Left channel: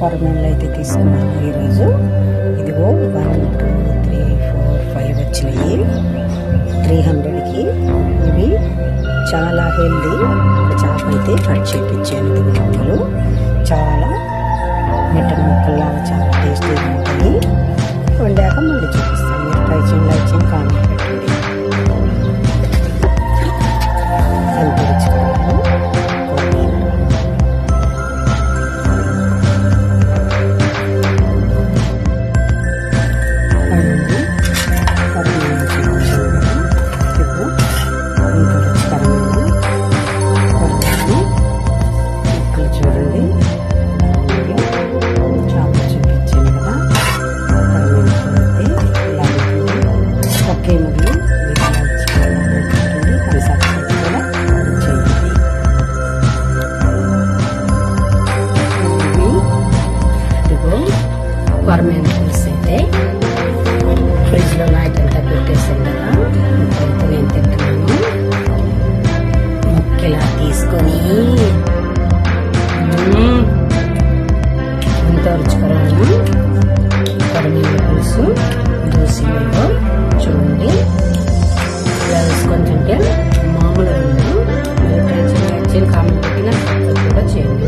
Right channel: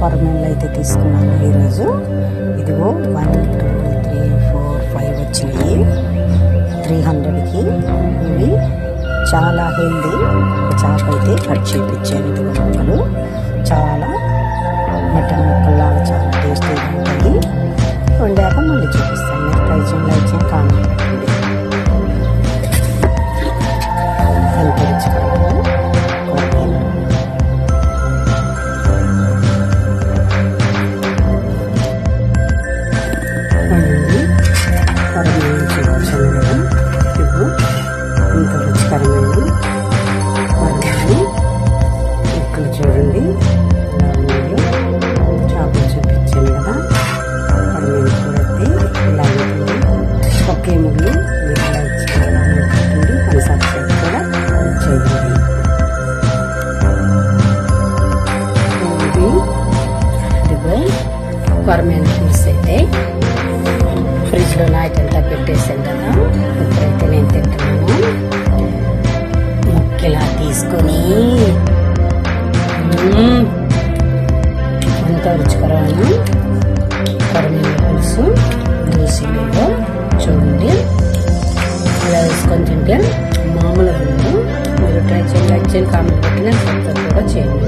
కొరమేళ్ళు అయితే తీసుకున్నాను ఈరోజు. ఇదిగో one two three four five వచ్చినాయి. త్రీ హండ్రెడ్కి ఇవి చాలా హెల్దీ ఒక చేప అయితే కట్ చేయించాను ఇది ముక్కలు. చాలా మటన్ ముక్కల్లాగా చాలా టేస్టీగా ఉంటాయి. వండాక మళ్ళీ చూపిస్తాను. మీరు ట్రై చేయండి లైక్ చేయండి కామెంట్ పెట్టండి. ఎంత రుచికరంగా పడింది కొరమేను చూపించాను కదా ఇప్పుడు ఇంత రుచికరమైన ఇక్కడ చూడండి. ఎలా చేపలు చూపించాను కదా. కొరమేను చూడండి ఇలా ఉంటుంది ఒకే ముగ్గులు మీరు లైక్ చేయాలని పెట్టండి సబ్స్క్రైబ్ కూడా చేయండి ఇది ఇదిగో కొరమేను పులుసు అయితే ఫ్రిడ్జ్లో నైట్ అంతా పెట్టేసాను కదా ఇప్పుడైతే నేను తింటున్నాను. ముక్కిలా తీసుకొని ఎంత రుచికరమైన కొరమీల పులుసు దోశలో చూడండి. ఇలా వేసుకొని తింటే మామూలుగా ఉంది మీరు ట్రై చేయండి కామెంట్ పెట్టిన కూడా చేయండి.